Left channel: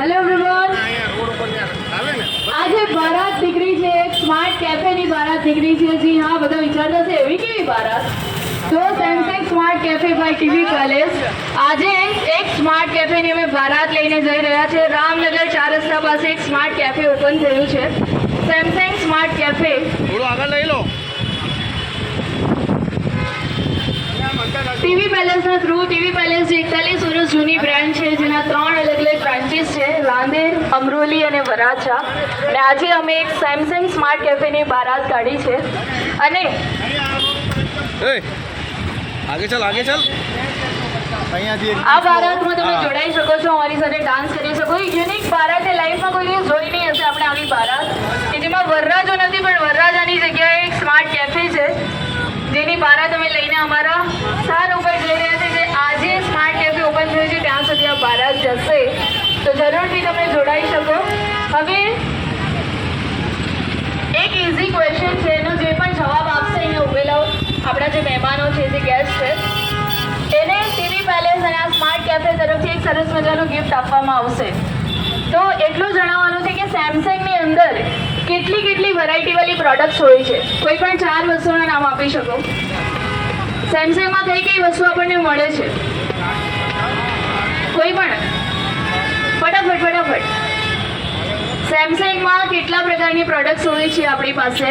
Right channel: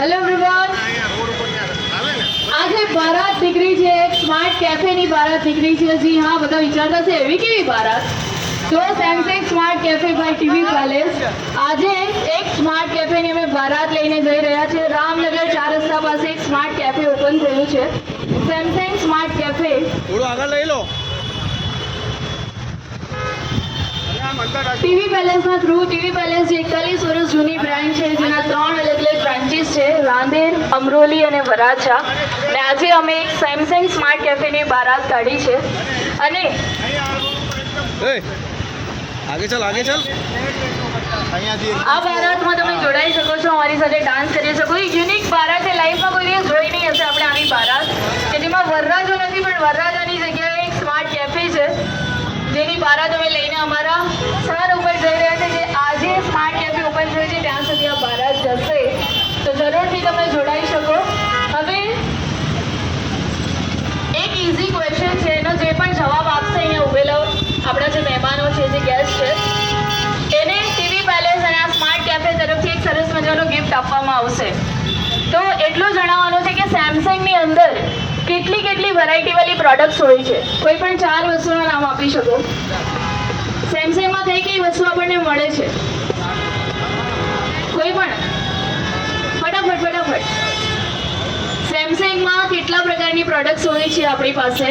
Hello everyone, આજે બારાત નીકળી છે, એક સ્માર્ટ કેફેની બારાત નીકળી છે. જી હા, બધા વિચારતા છે એવી કેવી બારાત? તો Samsung smart cafe by TV palace આજે એક સ્માર્ટ કેફેની અમે બારાત લઈને જઈ રહ્યા છે. રામનગર 4 રસ્તા પાસે એક સ્માર્ટ કેફે ઓપન થયું છે, સેમસંગ સ્માર્ટ કેફે. થોડું આગળ લઈ લો. ટીવી પેલેસના થ્રુ, ટીવી પેલેસ 41 વર્ષ જૂની બ્રાન્ડ છે, જેના 3 અલગ અલગ બ્રાન્ચીસ છે, રાંદેર, અમરોલી અને વરાછા. અને આજે અમે એક સેમસંગ સ્માર્ટ કેફેની બારાત કાઢી છે. અને આગે ચાલ, આગે ચાલ. આ બારાતમાં તમે જોડાઈ શકો છો, અમારી સાથે ડાન્સ કરી શકો. એક યુનિક બારાત એ લાઈફમાં કોઈ દિવસ જોઈ નહીં હશે આપણે આવી બારાત, કે જેમાં વરરાજો નથી પણ વરરાજાની જગ્યાએ એક સ્માર્ટ કેફે છે, જેની બારાત અમે લઈને અમારા સ્થાન ઉપર જઈ રહ્યા છે. જે આજે સ્માર્ટ કેફે ઓપન થયું છે ત્યાં સુધી આ બારાત જશે, તો જરૂરથી તમે જોડાઈ શકો. હવે એક ઇઝી ક્વેશ્ચન છે, એનો જે પણ જવાબ આપશે અહીંયા ઉભેલા આપણા જે મહેમાનો છે, જે ગેસ્ટ છે, એને ટીવી પેલેસ અને આ સ્માર્ટ કેફે તરફથી એક સરસ મજાનું ગિફ્ટ આપવામાં આવશે. તો એટલું જણાવવાનું છે કે સેમસંગની અંદર કેટલી કેટલી વેરાયટીવાળી પ્રોડક્ટ્સ હોય છે. કોઈ પણ 4 વસ્તુના નામ આપી શકો. સેમસંગમાં કઈ કઈ વસ્તુ આપણને મળે છે? કોઈ પણ ફટાફટ. સેમસંગમાં કેટલા પ્રકારની પ્રોડક્ટ્સ હોય છે આપણી પાસે?